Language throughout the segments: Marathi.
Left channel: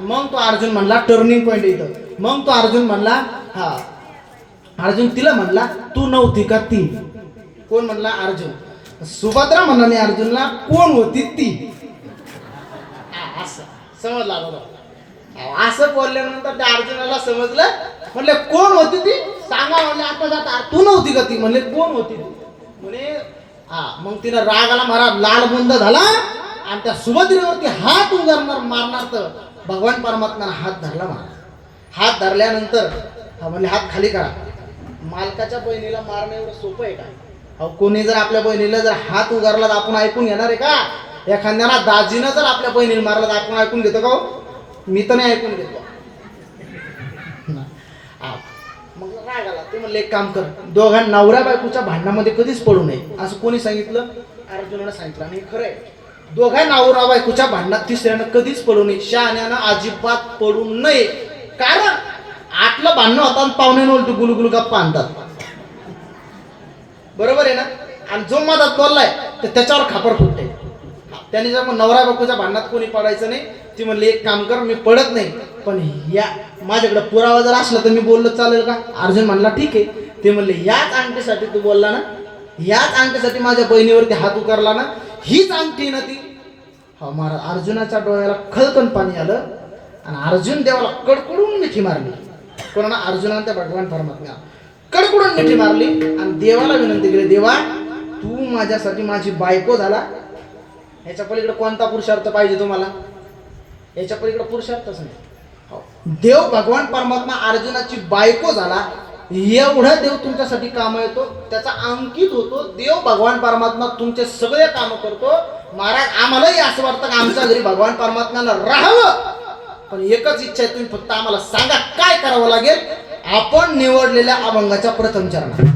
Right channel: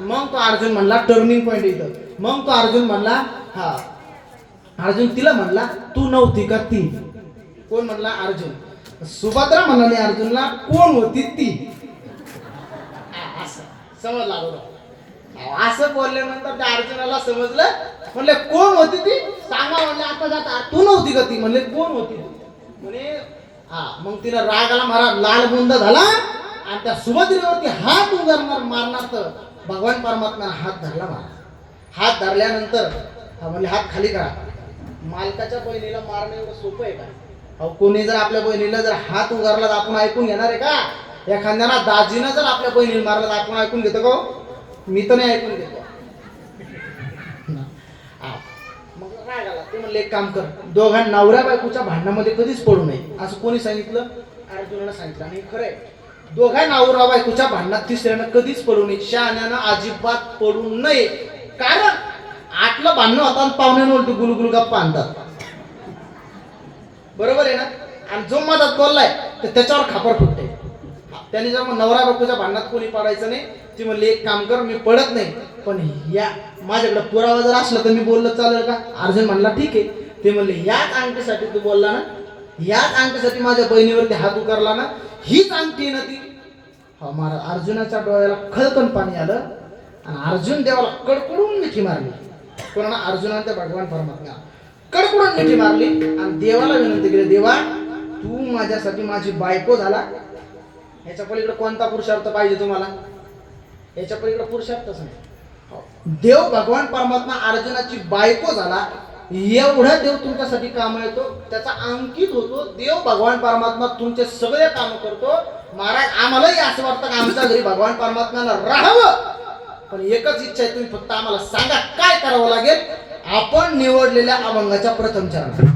मग तो अर्जुन म्हणला टर्निंग पॉइंट इथं. मग तो अर्जुन म्हणला हा अर्जुन तिला म्हणला तू नव्हती का ती. कोण म्हणला अर्जुन. सुभद्रा म्हणाली अर्जुनला कोण होती ती. असं समजला बरोबर. असं बोलल्यानंतर त्या अर्जुनाला समजलं. म्हणले कोण होती ती सांगा. म्हणले आता जाता तू नव्हती का ती. म्हणले कोण होती ती. म्हणे हा. मग तिला राग आला महाराज लाल बुंद झाला आणि त्या सुभद्रेवरती हात उगारणार मारणार तर भगवान परमात्म्याने हात धरला महाराज. हात धरल्यानंतर म्हणजे हात खाली करा. मालकाच्या बहिणीला मारणं एवढं सोपं आहे का. अहो कोणी जर आपल्या बहिणीला जर हात उगारला तर आपण ऐकून घेणार आहे का. एखाद्याला दाजीनं जर आपल्या बहिणीला मारला तर आपण ऐकून घेतो का. मी तर नाही ऐकून घेतो. मग राग आला. ते म्हणले एक काम कर दोघां नवऱ्या बायकोच्या भांडणामध्ये कधीच पडू नये असं कोणी सांगितलं. अर्जुनानं सांगितलं. आणि खरंय दोघा नवरा बायकोच्या भांडणात तिसऱ्यानं कधीच पडू नये. शहाण्यानं अजिबात पडू नये. कारण आतलं भांडणं होता पाहुण्यानं गुलगुल गप्पा आणतात. बरोबर आहे ना. आणि जो मधात बोललाय तर त्याच्यावर खापर फुटते. त्याने जर नवरा बायकोच्या भांडणात कोणी पडायचं नाही. ती म्हणली एक काम कर मी पडत नाही पण या माझ्याकडे पुरावा जर असला तर मी बोललं चालेल का. अर्जुन म्हणला ठीक आहे. ते म्हणले याच अंगठीसाठी तू बोलला ना. याच अंगठीसाठी माझ्या बहिणीवरती हात उकारला ना. हीच अंगठी ना ती. हा महाराज अर्जुनाच्या डोळ्याला खळकन पाणी आलं आणि अर्जुन देवाला कडकडून मिठी मारली. कोणाला अर्जुनाने त्या भगवान परमात्म्याला कडकडून मिठी मारली आणि देवाला विनंती केली देवा तू माझ्यासाठी माझी बायको झाला. याच्या पलीकडे कोणता पुरुषार्थ पाहिजे तुम्हाला. याच्या पलीकडे पुरुषार्थच नाही. देव भगवान परमात्मा अर्जुनाची बायको झाला. एवढा देव तुमच्यासाठी काम येतो त्याचा अंकित होतो. देव भगवान परमात्मा तुमचे सगळे काम करतो. महाराज आम्हालाही असं वाटतं की आमच्या घरी भगवान परमात्म्याला राहावं. पण एकच इच्छा आहे तुम्ही फक्त आम्हाला सांगा काय करावं लागेल. आपण निवडलेल्या अभंगाच्या प्रथम चरणात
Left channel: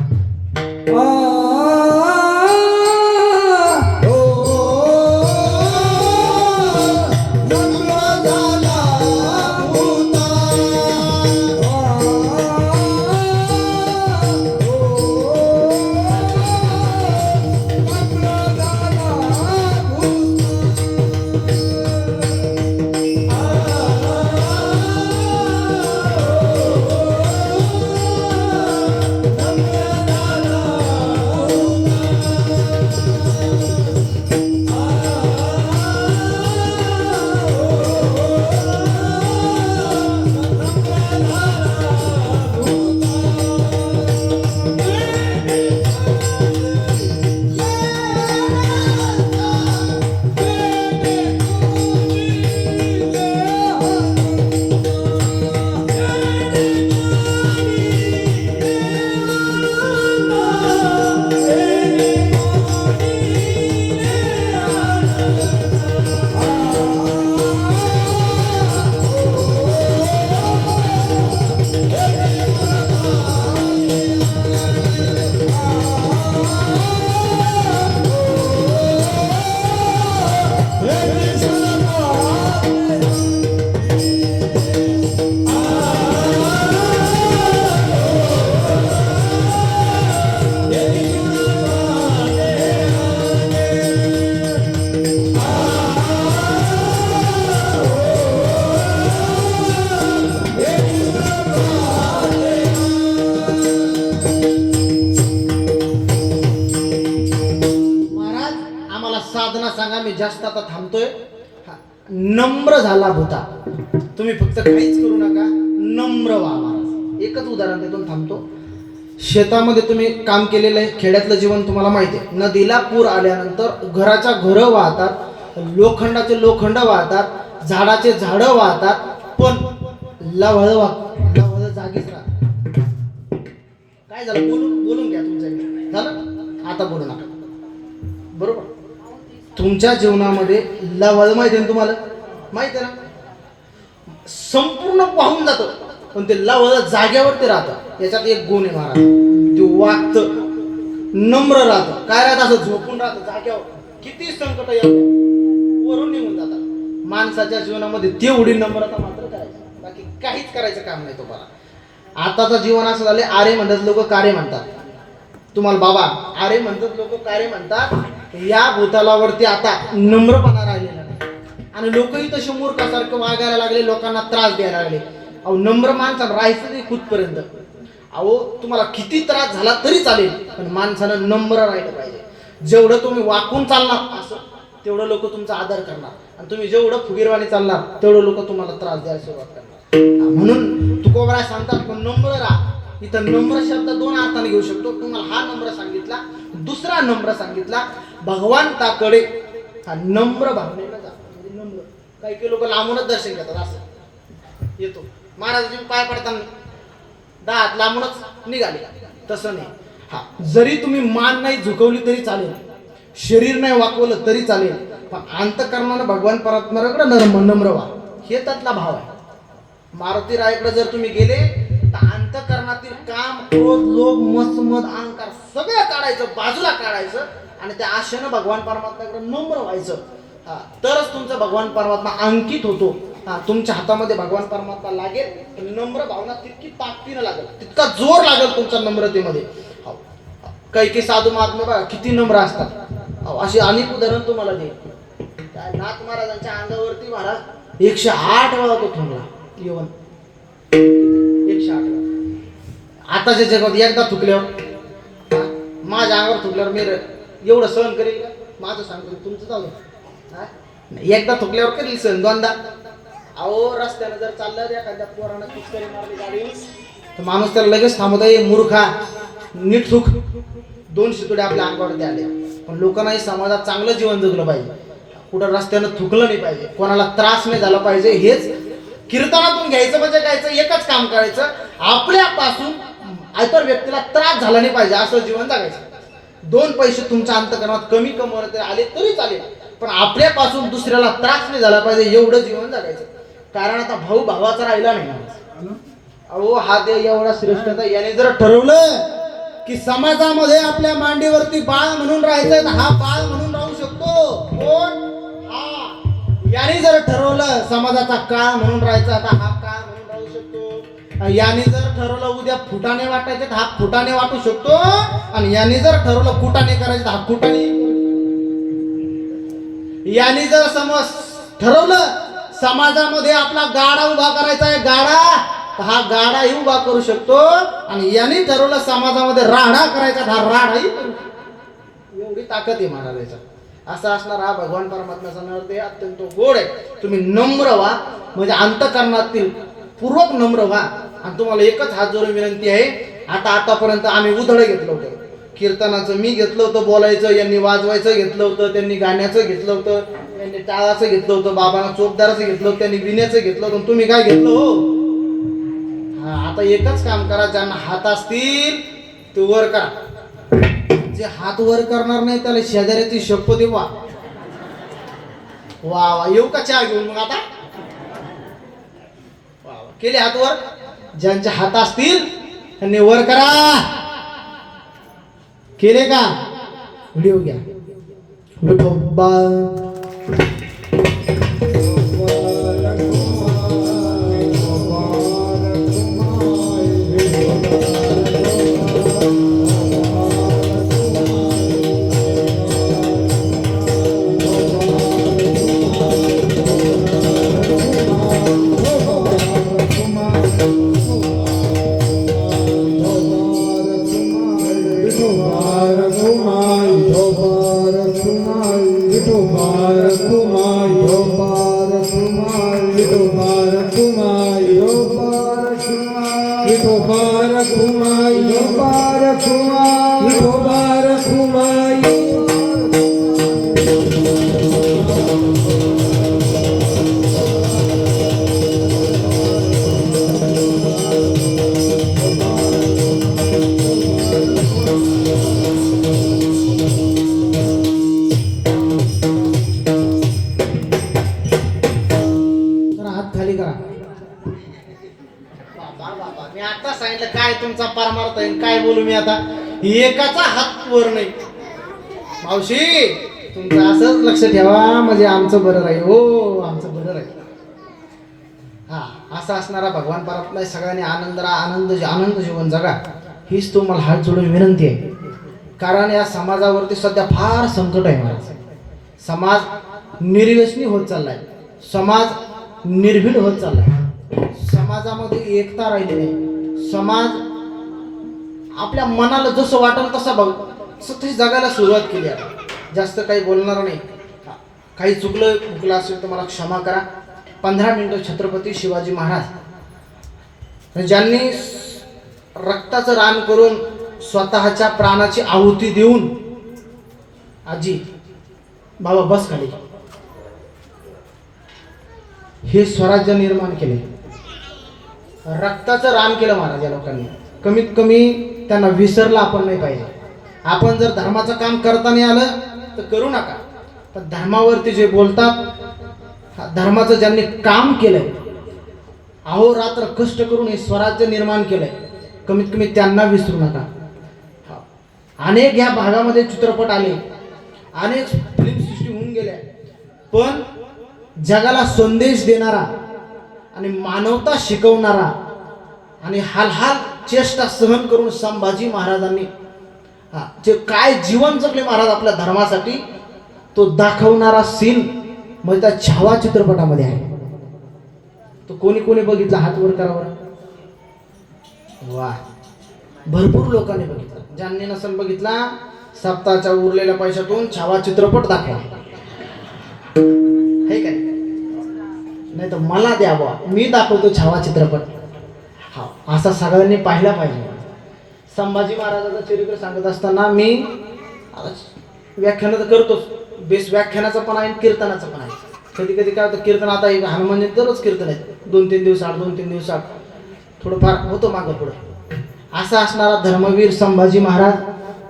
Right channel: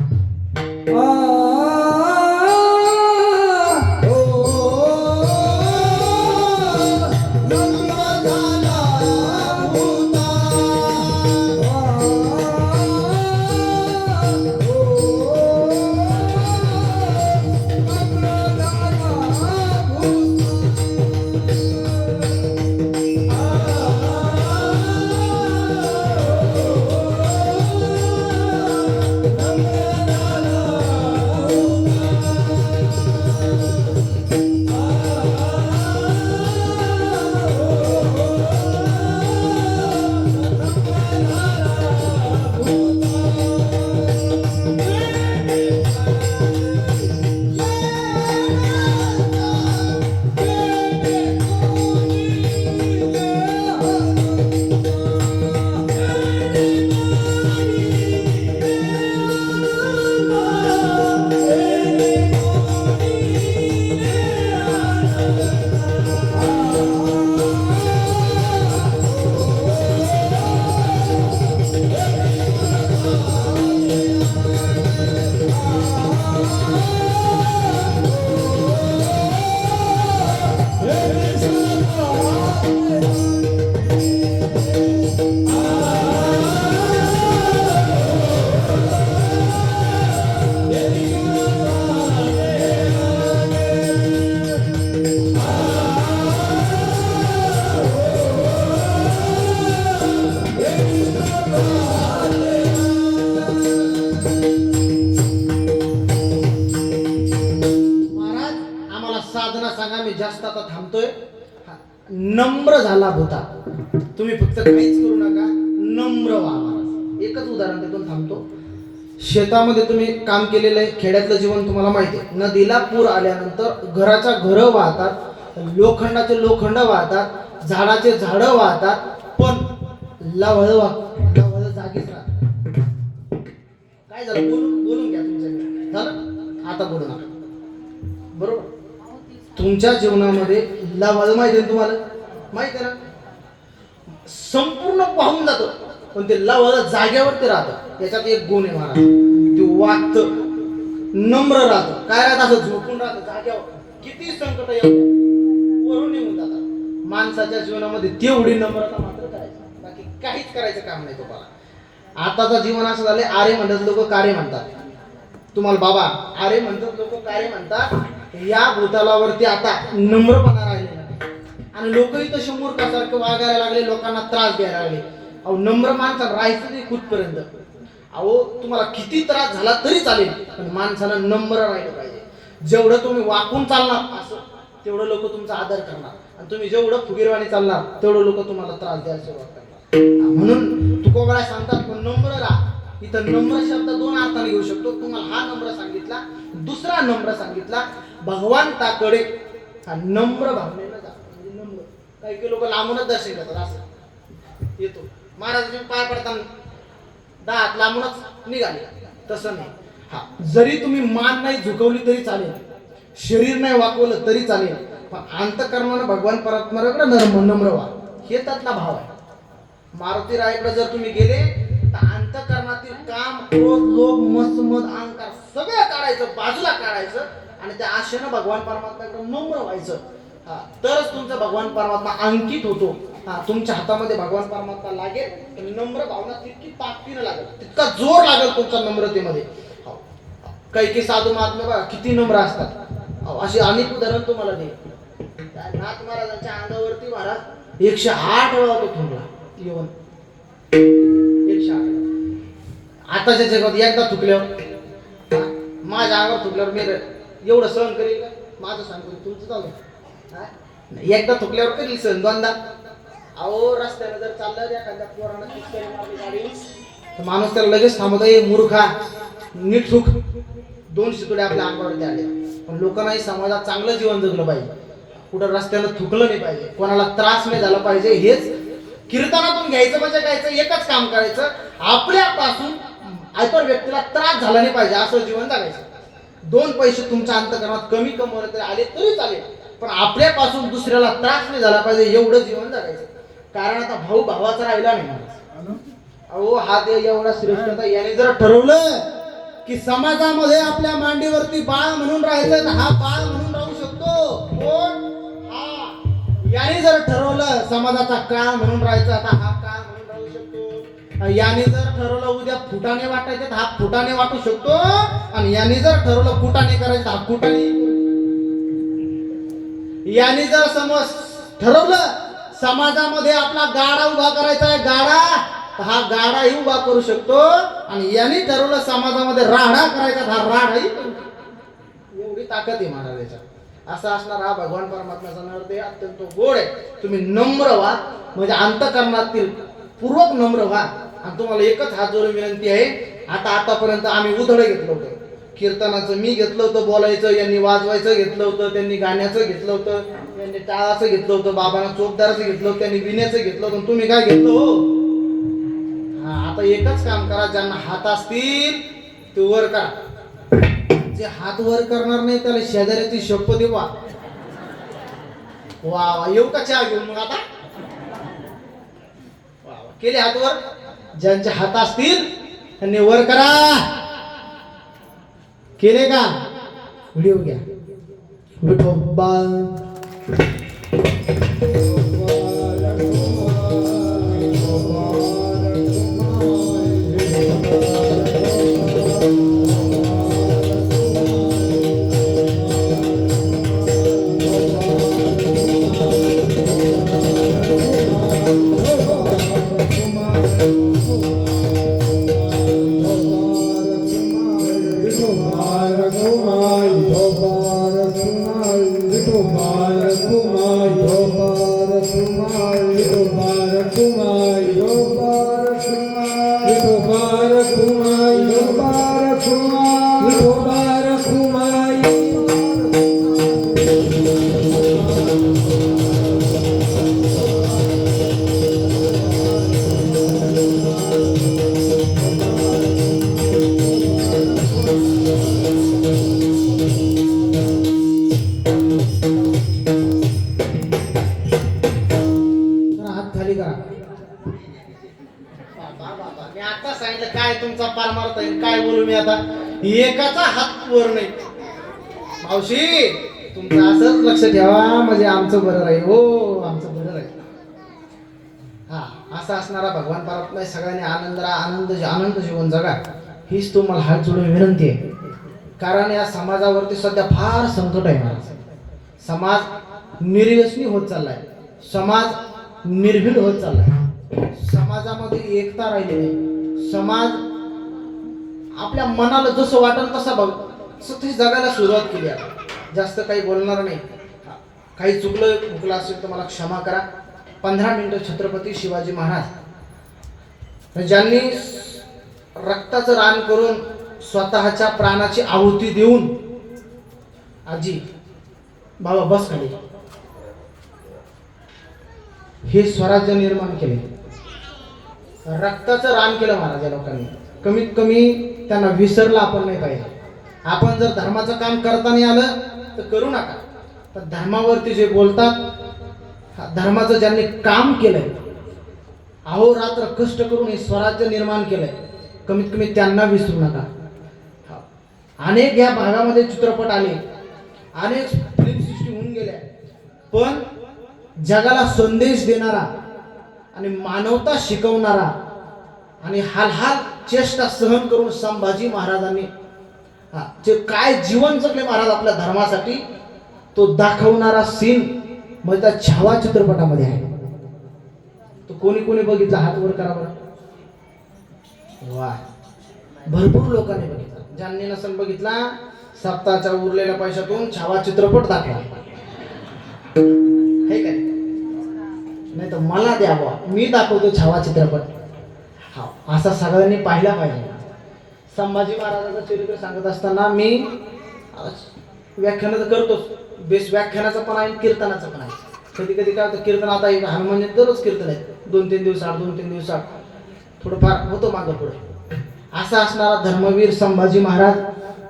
जास्त आता थांबतोय. नम्र झाला होता. तुम्ही फक्त काहीच करू नका नम्र व्हा महाराज. एकच उदाहरण देतो थांबतो. शेतामध्ये तुम्ही काम केलेलं आहे. खेड्यातलं जीवन तुम्हाला माहिती आहे. नदीला पूर आल्यानंतर घराच्या घरं वाहतात. लोखंडाचे लोखंड वाहतात. झाडाचे झाडं वाहतात. पण लवळ जागीच राहतात. काय झालं बोलून घ्या तुमच्या झालं. आता बोलू नका. बरोबर. तुमच्या जीवनामध्ये लवळ माहिती आहे तुम्हाला. माहिती आहे ना. संपूर्ण पाहून जातो पण ते लवळ जाग्यावरती राहतं. याच्यात एक गुण आहे महाराज. ते वागतं नम्र राहतं. काय राहतं असं झोपून राहतं जाग्यावर. किती संकट येऊ वरून निघून जातात. माणसाच्या जीवनामध्ये तेवढी नम्रता मात्र करायची. बाकी काहीच करायचं काम नाही तुम्हाला. आताचं जीवन असं झाले. आरे म्हणतात लोक कार्य म्हणतात. तुम्हाला बाबा आरे म्हणतात लोक कार्य म्हणतात. या भूतलावरती आता नम्रपणा राहिलेला नाही. आणि लोकही तसे मूर्खासारखे वागायला लागले, लोकांना त्रास द्यायला लागले. अहो नम्र माणसाला राहायचं नाही कुठपर्यंत. अहो तुम्हाला किती त्रास झाला तरी चालेल, पण माणसानं नम्र राहिलं पाहिजे. जेवढं तुम्ही वाकून चालणार असं तेवढं लोक तुमचा आदर करणार, आणि तुम्ही जेवढं फुगीरवाणी चालणार तेवढं लोक तुम्हाला त्रास द्यायला सुरुवात करणार. म्हणून तुकोबराय सांगतात नम्र राहा. इथं नम्र शब्द दोन अर्थाने घेऊ शकतो. तुम्हाला हा नम्र सांगितला, दुसरा नम्र सांगितला. भगवंताकडे हा नम्र भावनेनं जा. म्हणजे नम्र काही काही लोक लांबूनच दर्शन घेतात, असं येतो महाराजांची पाय पडताना दात लांबूनच निघाले, तसं नाही. हा जरी तुम्ही मान नाही झुकवली तरी चालेल, शरीर नाही वाकवलं तरी चालेल, पण अंतःकरणानं भगवान परमात्म्याकडे नम्र व्हा. हे त्यातला भाव आहे. मारुती रायाकडे जर तुम्ही गेले तर अंतःकरणातील काम, क्रोध, लोभ, मत्सर, मद, अहंकार सगळं काढायचं, बाजूला काढायचं, आणि त्या आशेनं भगवान परमात्म्याकडे नम्र व्हायचं. तरच तुमचा भगवान परमात्मा अंकित होतो. तुमच्या हातामध्ये भगवान परमात्मा लागेल. नम्र भावना तितकी ताकदीनं लागेल, तितका जोर लागेल तुमच्या नम्रतेमध्ये. काही काही साधू महात्मे बघा किती नम्र असतात. अशी अनेक उदाहरण तुम्हाला देईल. नाथ महाराजांच्या अंगावरती महाराज 108 वेळा तो थुंकला, येऊन 108. आताच्या जगात एकदा थुकल्यावर, माझ्या अंगावर थुकल्यावर मी एवढं सहन करेल का? माझं सांगतो तुमचं चालू. एकदा थुकल्यावर करेल सहन, दोनदा. अहो रस्त्याने जर चाललं एखाद्या पोरांना गाडी, तर माणूस त्याला लगेच थांबवतो, मूर्खा नीट थुक. 2 शितोडे आपल्या अंगावरती आले. पण लोकांनाही समाजात चांगलं जीवन जगलं पाहिजे, कुठं रस्त्यानं थुकलं नाही पाहिजे, कोणाला त्रास नाही झाला पाहिजे. हेच कीर्तनातून घ्यायचं म्हणजे कायचं, एकच काम करायचं, आपल्यापासून इतर व्यक्तीला त्रास झाला नाही पाहिजे असं जीवन जगायचं. 2 पैसे तुमच्या अंतःकरणात कमी कमवले आले तरी चालेल, पण आपल्यापासून दुसऱ्याला त्रास नाही झाला पाहिजे एवढं जीवन जगायचं. कारण आता भाऊ भावाचा राहिला नाही. अहो हा देव एवढा श्रेष्ठ, याने जर ठरवलं की समाजामध्ये आपल्या मांडीवरती बाळ म्हणून राहायचं, हा बाळ म्हणून राहू शकतो. कोण? हा. याने जर ठरवलं समाजाचा काळ म्हणून राहायचा, आता हा काळ म्हणून राहू शकतो. याने जर ठरवलं उद्या फुटाणे वाटायचे, हा फुटाणे वाटू शकतो. आणि याने जर ठरवलं कुटाणे करायचे, हा कुटाणे. याने जर समज ठरवलं समाजामध्ये आपला गाडा उभा करायचा आहे, गाडा, हा गाडाही उभा करू शकतो. आणि याने ठरवलं समाजामध्ये राडा करायचा, हा राडाही करू शकतो. एवढी ताकद आहे महाराजांचा. असा असणार हा भगवान परमात्म्याचा नृत्य अत्यंत गोड आहे. तुम्ही नम्र व्हा, म्हणजे अंतःकरणातील पूर्वक नम्र व्हा. आणि तुम्हाला एकच हात जोडून विनंती आहे. आतापर्यंत आम्ही उधळ घेतलं होतं, कीर्तनाचं मी घेतलं होतं, बोलायचं यांनी, वाजवायचं घेतलं होतं त्यांनी, गाण्याचं घेतलं होतं त्यांनी, टाळाचं घेतलं होतं, बाबांना चोपदाराचं घेतलं होतं त्यांनी, विण्याचं घेतलं होतं. तुम्ही काय घेतलं हो? आता एकच काम करा, ज्यांना हात असतील ते वर करा. जे हात वर करणार नाही त्याला शेजाऱ्याची शपथ देवा. वा येऊ का चहा घेऊन? मग आता केले हात वर. ज्यांचे हात असतील त्यांनी वर करा. केले का? व्हिडिओ घ्या. विठोबा काय तुमचा पार मारता येईल, काय बोलू मी आता. एकाचा हात वर नाही. मावशी तुमचं असंच लक्ष ठेवा, म्हणजे आमचं बरं राहील. हो आमचं बरं राहील. हा असा असणारा भगवान परमात्मा सगळ्यांनी आनंद जीवन जगा, हीच तुम्हाला हात जोडून विनंती आहे. कारण या समाजावरती सध्या फार संकट आहे महाराज. समाज निर्व्यसनी होत चाललाय. समाज निर्भीड होत चालला, समाजामध्ये एकता राहिली नाही, समाज आपल्या मनाला जसं वाटेल तसा बघ तशी जगायला सुरुवात केली आहे. जास्त काही बोलणार नाही, काही चुकलं असेल तर मला क्षमा करा. 15 मिनिटं छत्रपती शिवाजी महाराज ज्यांनी रक्ताचं रान करून स्वतःच्या प्राणाची आहुती देऊन, आजी बाबा बस खाली, हे स्वराज्य निर्माण केले, रक्ताचं रान केलं महाराज या लोकांनी. कमीत कमी त्यांना विसरलं आपण नाही पाहिजे. आपण जर धर्माचं काम करता नाही आलं तर करू नका, पण धर्मावरती जे बोलतात, धर्माचं ज्यांनी काम केलंय, अहोरात्र कष्ट करून हे स्वराज्य निर्माण केलंय, कमीत कमी त्यांना विसरू नका. अनेक या भागामध्ये चित्रपट आले, अनेक फिल्म सृष्टी होऊन गेल्या, पण जगाला संदेश देणारा आणि मानवता शिकवणारा आणि हाल चेष्टा सहन करून संभाजी महाराजांनी जे काय जीवन जगले महाराज आपल्या धर्मासाठी, तो दाखवणारा सीन म्हणजे त्या छावा चित्रपटामध्ये आहे. तो कोणी कोणी बघितला हात वर करावा. वा, भरपूर लोकांनी बघितला. ज्यांनी नसेल बघितला, सप्ताहाच्या उरलेल्या पैशातून छावा चित्रपट दाखवा, हे काय नाही तर मला द्यावा, मी दाखवतो छावा चित्रपट. हा, असा सगळ्यांनी पाहिला पाहिजे. संभाजी महाराजांचं चरित्र सांगत असताना मी व्याख्यान तर करतोच, बेस व्याख्यानाचं पण आहे, कीर्तनाचं पण आहे. कधी कधी काय होतं, कीर्तन आता हनुमान दररोज कीर्तन आहे, 2-3 दिवसात थोडंफार होतं मागं पुढे. असा असणारा धर्मवीर संभाजी महाराज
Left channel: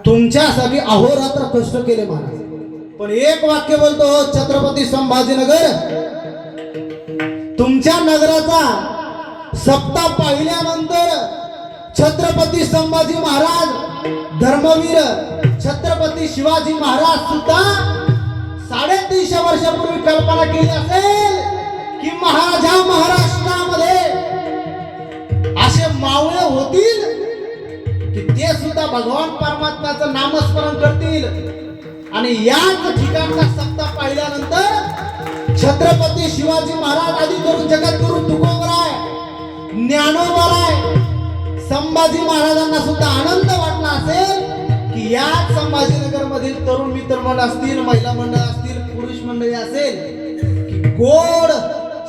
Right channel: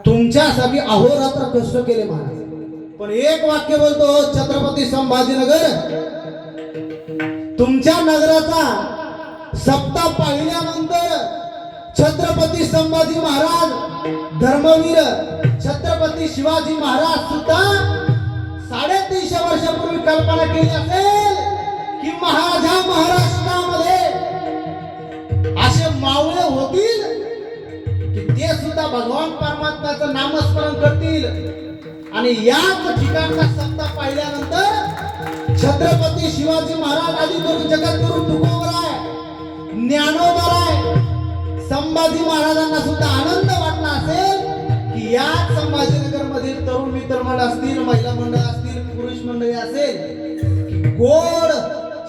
तुमच्यासाठी अहोरात्र कष्ट केले महाराज. पण एक वाक्य बोलतो, छत्रपती संभाजीनगर, तुमच्या नगराचा सप्ताह पाहिल्यानंतर छत्रपती संभाजी महाराज, धर्मवीर छत्रपती शिवाजी महाराज सुद्धा 350 वर्षापूर्वी कल्पना केली असेल की महाराजा महाराष्ट्रामध्ये असे मावळे होतील की ते सुद्धा भगवान परमात्म्याचं नामस्मरण करतील. आणि याच ठिकाणचा सप्ताह पाहिल्यानंतर छत्रपती शिवाजी महाराज आदी करून जगद्गुरु तुकोबराय, ज्ञानोबाराय, संभाजी महाराजांना सुद्धा आनंद वाटला असेल की याच संभाजीनगर मधील तरुण मित्रमंडळ असतील, महिला मंडळ असतील, पुरुष मंडळी असेल की गोड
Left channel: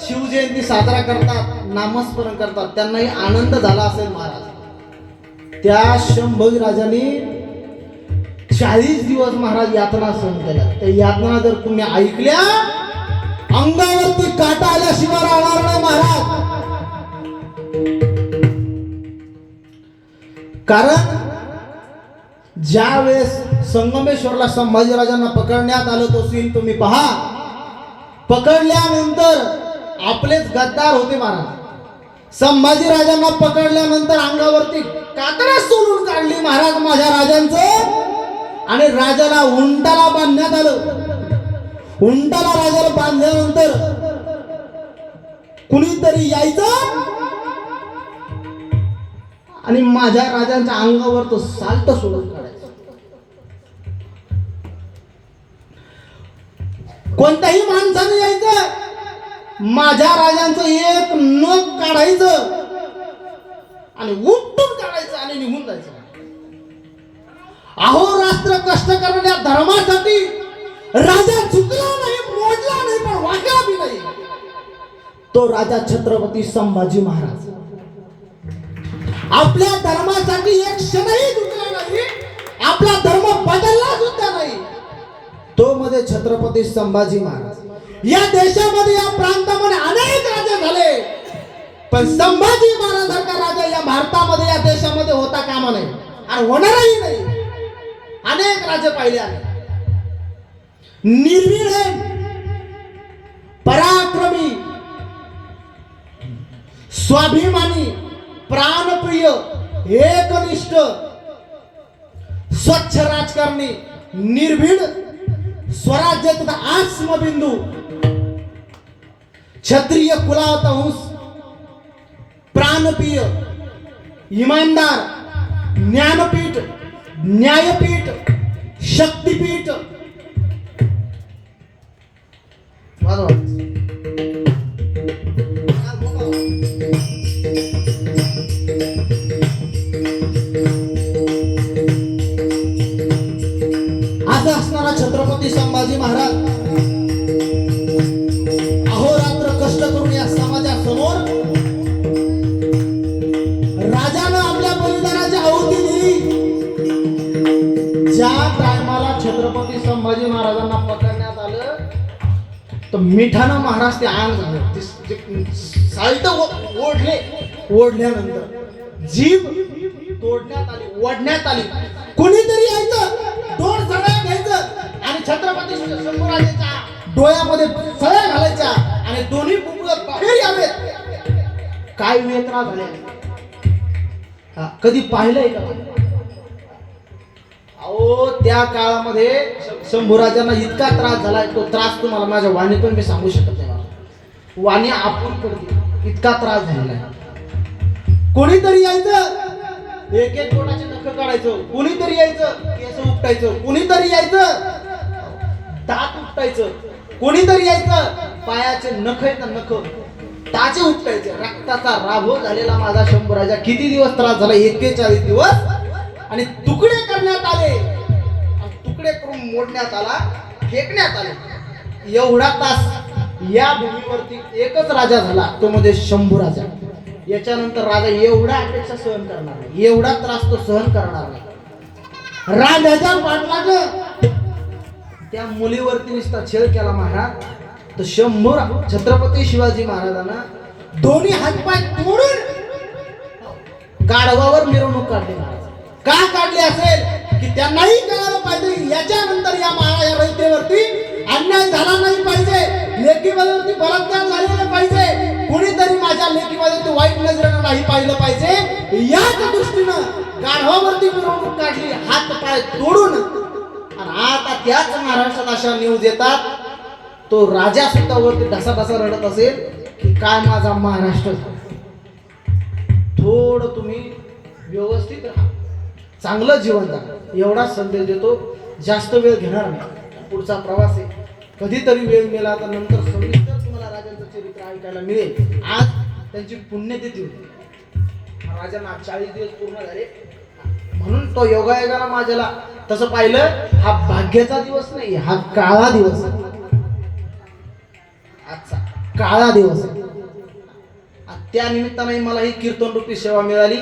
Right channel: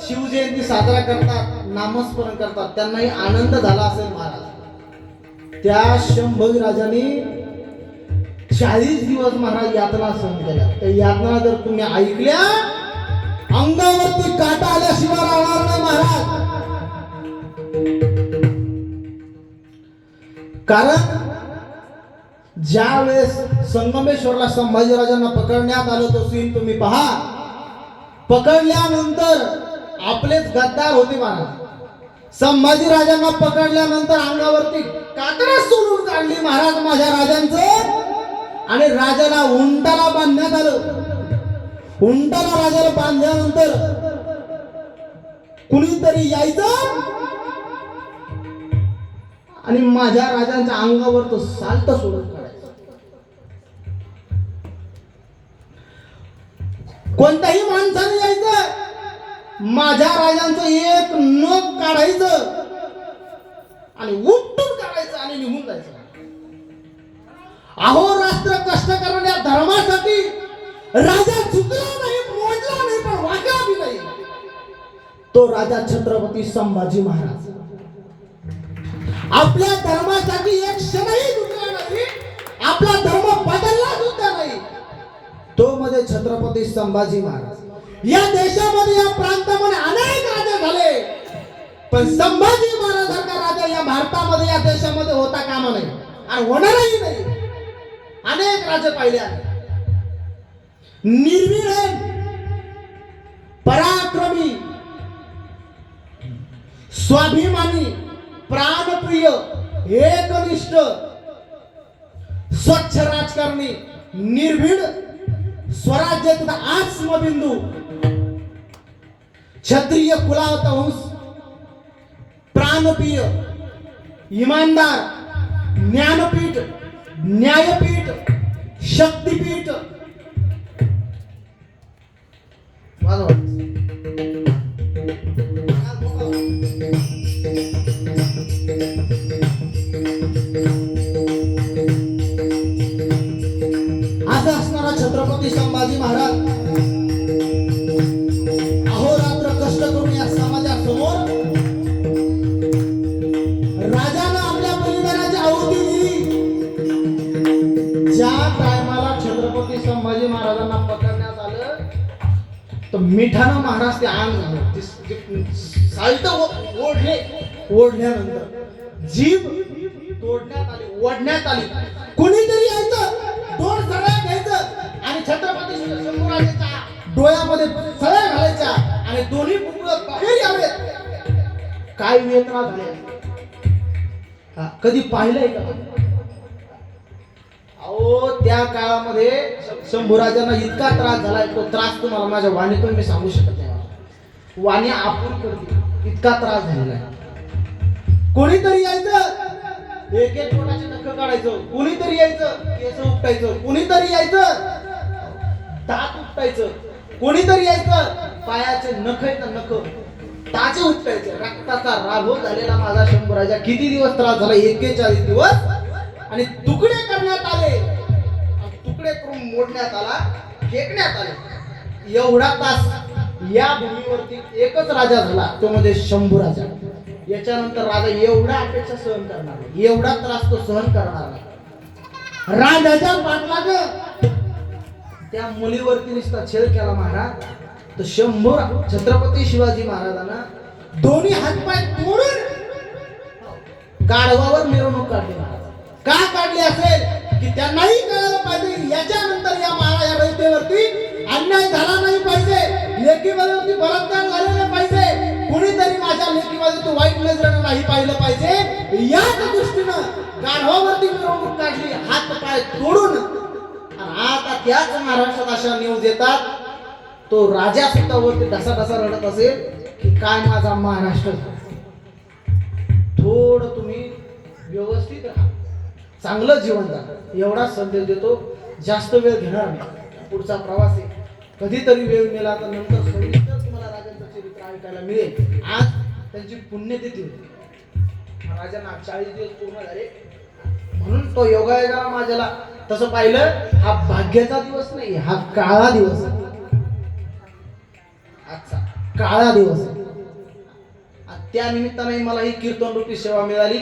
शिवजयंती साजरा करतात, नामस्मरण करतात, त्यांनाही आनंद झाला असेल महाराज. त्या संभाजी राजांनी 40 दिवस महाराज यातना सहन केल्या. त्या यातना जर तुम्ही ऐकल्या, अंगावरती काटा आल्याशिवाय राहणार नाही महाराज. कारण ज्या वेळेस संगमेश्वरला संभाजी राजांना पकडण्यात आलं, तो सीन तुम्ही पहा. पकडल्यानंतर आपलेच गद्दार होते महाराज. संभाजी राजांना पकडल्यानंतर अंगावरती कातडा सोडून काढली महाराज माझ्या राजांचं, आणि राजाला उंटाला बांधण्यात आलं. उंटाला राजाला बांधल्यानंतर कुणीतरी यायचं आणि माझ्या राजांच्या अंगावर तो साल्ट सोडून काढायचं. कोणत्याही माणसाने यायचं, माझ्या राजांचं एक नख काढायचं आणि उपटून काढायचं आणि निघून जायचं. अहोरात्र कष्ट करणाऱ्या धर्मासाठी राजा चुकला नाही, मोडला नाही, पण वाकला बी नाही. तो राजा छत्रपती संभाजी महाराज आपल्या धर्मासाठी एक क्षणही झुकला नाही, आपला धर्म बदलला सुद्धा नाही. तो मध्ये छत्रपती संभाजी महाराज. या देशामध्ये, या प्रांतामध्ये अनेक राजे झाले, पण संभाजी महाराजांचा राजा या भारतामध्ये, या देशामध्ये होता कामा नाही आणि होणारही नाही. अनेक राजे पाहिले आहेत. निर्भीड, पराक्रमी, स्वाभिमानी, प्राणप्रिय, एकनिष्ठ, स्वच्छ राजकारणी, निर्भीड, स्वराज्याचा आत्मबिंदू, क्षत्रिय कुलावता वंश, प्राणप्रिय, इमानदार, ज्ञानपीठ, न्यायपीठ, शक्तीपीठ. असं असणारा छत्रपती संभाजी महाराज अहोरात्र कष्ट करून या समाजासमोर राजानं आपल्या बलिदानाची आहुती दिली. ज्या टायमाला छत्रपती संभाजी महाराजांना पकडण्यात आलं तर मिठानं महाराज ते आण झाले. साल्ट ओढल्यानंतर जीभ तोडण्यात आली, ओढण्यात आली. कोणीतरी यायचं, दोन सळ्या घ्यायचं आणि छत्रपती शंभूराजाच्या डोळ्यामध्ये सळ्या घालायच्या आणि दोन्ही कुंभलं बाहेर यावेत. काय वेदना झाल्या कधी पाहिलंय का? अहो त्या काळामध्ये शंभूराजांना इतका त्रास झालाय, तो त्रास तुम्हाला माझ्या वाणीतून मी सांगू शकत नाही. वाणी आपण करते इतका त्रास झालेला आहे. कोणीतरी यायचं, एक एक कोणाचे नख काढायचं, कुणीतरी यायचं केस उपटायचं, कुणीतरी यायचं दात उपटायचं, कोणीतरी यायचं पायाचे नख आहेत ना नख टाचे उपटायचे. रक्ताचा राभो झालेला माझा शंभूराजा किती दिवस त्रास झाला? 41 दिवस. आणि तुकडे करण्यात आले, तुकडे करून मोडण्यात आला, फेकण्यात आले. एवढा तास या भूमीवरती एकच राजा झाला, तो म्हणजे शंभूराजा. याच्यानंतर राजा एवढा अपेक्षा सहन करणार नाही, एवढा त्रास तो सहन करणार नाही. राजाच्या पाठलाग त्या मुलीवरती नुसता छेड केला महाराज. तर छत्रपती शिवाजी महाराजांना दोन्ही हातपाय तोडून गाढवावर मिरवणूक काढली. का काढली असेल की त्यांनाही कळायला पाहिजे याच्यानंतर या रयतेवरती अन्याय झाला नाही पाहिजे, लेकीवरती बलात्कार झालेला पाहिजे, कुणीतरी माझ्या लेकीवरती वाईट नजरेनं नाही पाहिलं पाहिजे. याच दृष्टीनं गाढवावरती मिरवणूक काढली, हात पाय तोडून. आणि आता त्याच महाराष्ट्रात अशा न्यूज येतात, तो राजा सुद्धा वरती ढसा रडत असेल की काय माझा महाराष्ट्र. थोडं तुम्ही व्यवस्थित राहा, चांगलं जीवन जगा, एवढा संदेश देतो. जास्त वेळ घेणार नाही, पुढचा प्रवास आहे. कधीतरी वेळ मिळाला तर नंतर सविस्तर तुम्हाला राजांचं चरित्र ऐकायला मिळेल. आज त्यांची पुण्यतिथी होती, राजांना 40 दिवस पूर्ण झाले म्हणून तो योगायोगाला माझ्याला तसं पाहिलं हा भाग्याचा दिवस नाही, हा काळा दिवस आहे. आजचा काळा दिवस आहे. त्या निमित्ताने मला ही कीर्तन रूपी सेवा मिळाली.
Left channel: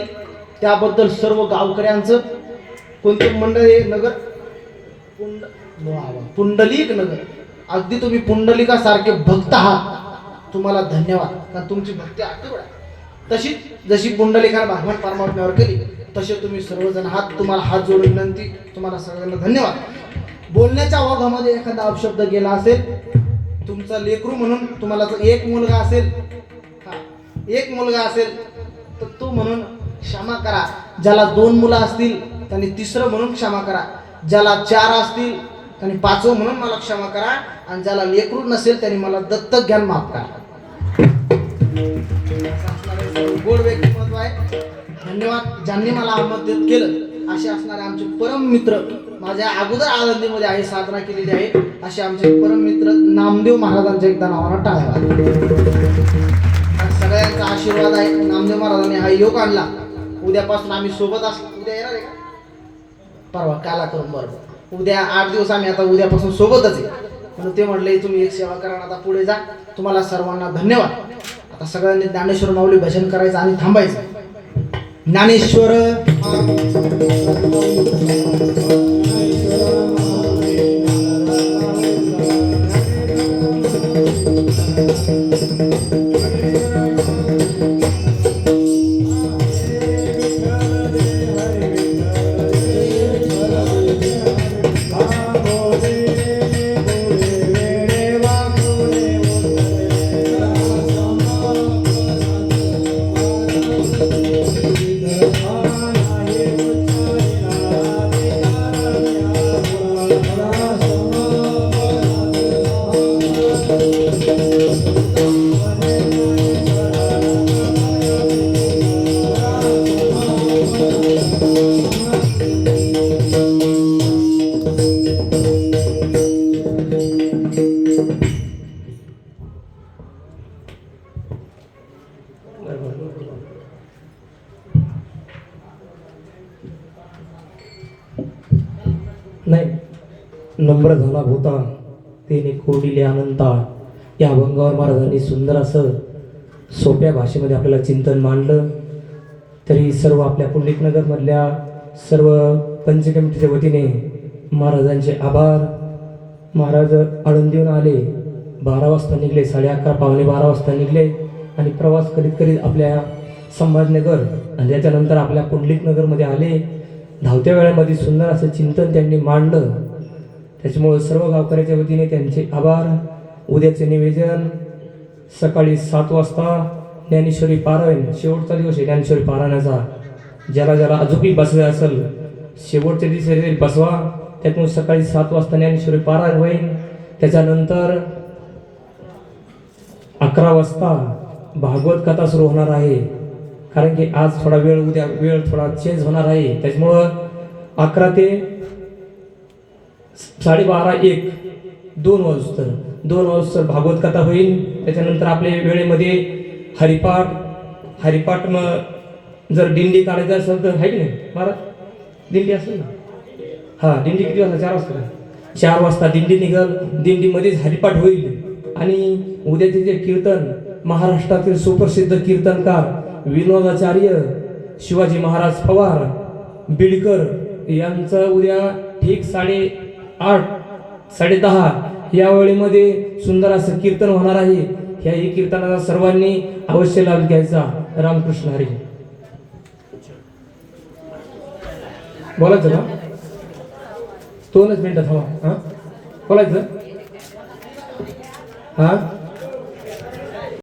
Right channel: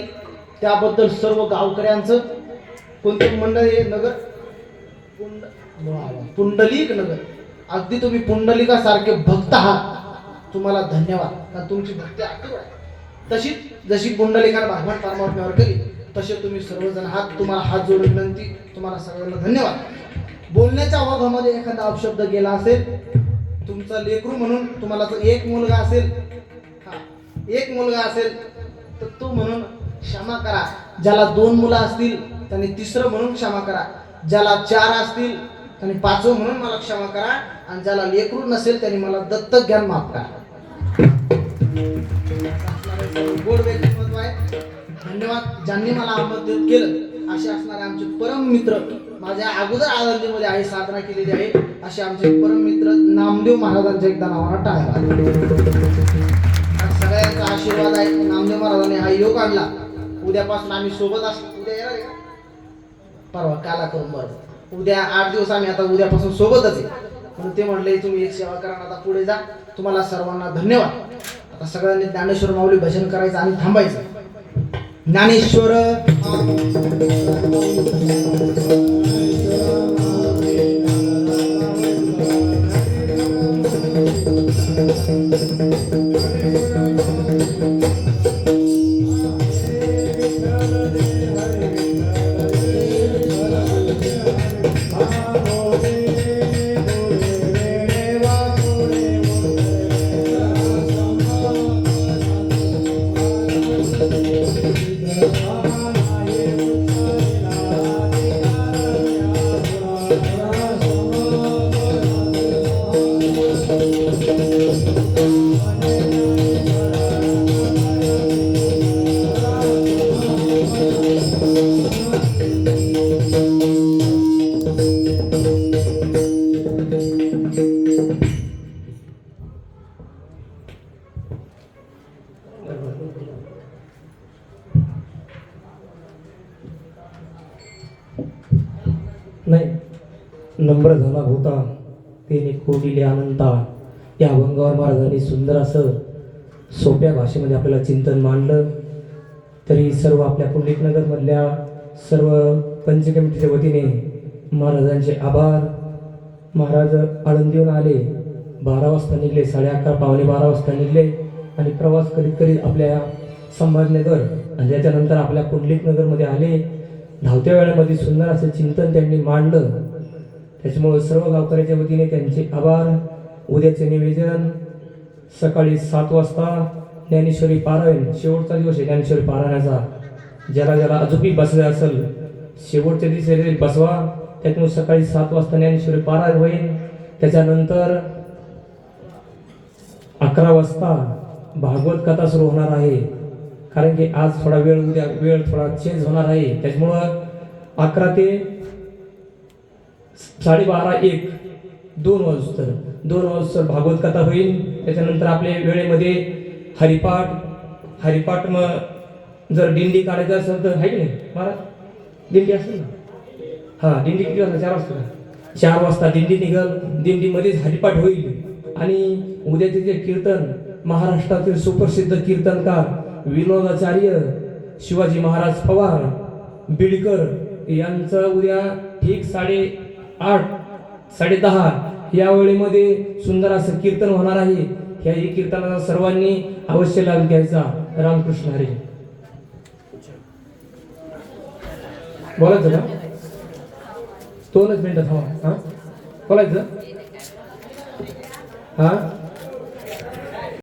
त्याबद्दल सर्व गावकऱ्यांचं, कोणते मंडळ आहे नगर पुंडलिक नगर, अगदी तुम्ही पुंडलिकासारखे भक्त आहात, तुम्हाला धन्यवाद. कारण तुमची भक्ती अक्कल आहे. तशीच जशी पुंडलिकाने भगवान परमात्म्यावर केली तसे तुम्ही सर्वजण आहात. तुम्हाला हात जोडून विनंती, तुम्हाला सगळ्यांना धन्यवाद. बोलण्याच्या ओघामध्ये एखादा अपशब्द गेला असेल, तुमचा लेकरू म्हणून तुम्हाला एक मुलगा असेल, एक मुलगा असेल तर तो म्हणून क्षमा करा. ज्याला 2 मुलं असतील त्यांनी तिसरं म्हणून क्षमा करा. ज्याला 4 असतील त्यांनी 5वं म्हणून मला क्षमा करा. आणि ज्याला लेकरू नसेल त्यांनी मला दत्तक घ्यान माफ करा. गोड व्यक्तिमत्व आहे. धन्यवाद ज्यांनी मला आमंत्रित केलं. असे असणारे आमचे परम मित्र, माझ्या अगोदर आळंदीमध्ये आहे साधना केलेली आहे, असे आमचे परम मित्र नामदेव महाराजांच्या एकदा नावाला टाळ्या. सगळ्यांचा आशीर्वाद आहे. नामदेव महाराजांनी हा योग आणला. उद्यापासून आम्ही सोबत असतो. उद्या येणार आहे का? परवा काला करून बरोबर. उद्या 8 दिवस आम्ही आता उद्यापासून सोबतच आहे. म्हणून ते म्हटले तुम्ही एक सेवा करा, आता पुढे जा. तुम्हाला सर्वांना धन्यवाद. आता सगळ्यांनी ज्ञानेश्वर माऊली भजन करायचं आणि थांबायचं. ज्ञानेश्वर नम्र झाला होता तेने कोडिले अनंता या अभंगावर महाराजांनी सुंदर असं सोप्या भाषेमध्ये आपल्याला चिंतन मांडलं. तरी सर्व आपल्या पुंडलिकनगरमधल्या सर्व पंचकमिटीच्या वतीने महाराजांचे आभार. महाराज आळंदीहून आले, 12 वाजता निघले, 11:30 पावणे 12 वाजता निघले आणि प्रवास करीत करीत आपल्या संभाजीनगर आणि त्याच्यानंतर आपल्या पुंडलिकनगरमध्ये आले. धावत्या वेळामध्ये सुंदर असं चिंतन त्यांनी मांडलं. त्याच्यामुळे सर्व गावकऱ्याच्या वतीने त्यांचे आभार. उद्याचे निवेदन सकाळी 7 वाजता ज्ञानेश्वरी पारायण, शेवटचा दिवस आहे ज्ञानेश्वरी पारायणाचा. ज्याला ज्याला अजूनही बसायचं असेल शेवटच्या दिवशी बसवा. त्यातून सकाळी 7 वाजता ज्ञानेश्वरी पारायण होईल. त्याच्यानंतर 11 वाजता भागवत कथा सुरू होणार आहे. कारण की आज थोडा वेळ, उद्या वेळ थोडा चेंज होणार आहे. त्याच्यामुळं 11 ते 12:30 1 2 वाजता भागवत कथा होईल. त्याच्यानंतर आपल्या वेळेमध्ये हरिपाठ मग जर दिंडी काढायचं असेल तर आहे की नाही महाराज, दिंडी असेल ना, हां दिंडी किती वाजता? 4 वाजता. 4 वाजता दिंडी निघल. दिंडीमध्येच हरिपाठ होईल. आणि उद्याचे जे कीर्तन, महाराष्ट्रातील सुप्रसिद्ध कीर्तनकार विनोदाचार्य शिवाजी महाराज पवार बिडकर यांचं उद्या ठीक 8:30 10:30 या वेळेमध्ये सुंदर असं कीर्तन होणार आहे. ह्याही कीर्तनाचा सर्वांनी अवश्य लाभ घ्यायचा. रामकृष्ण हरी. बोलायचं का? 2च मिनिटं थांबा. बोलायचं हा.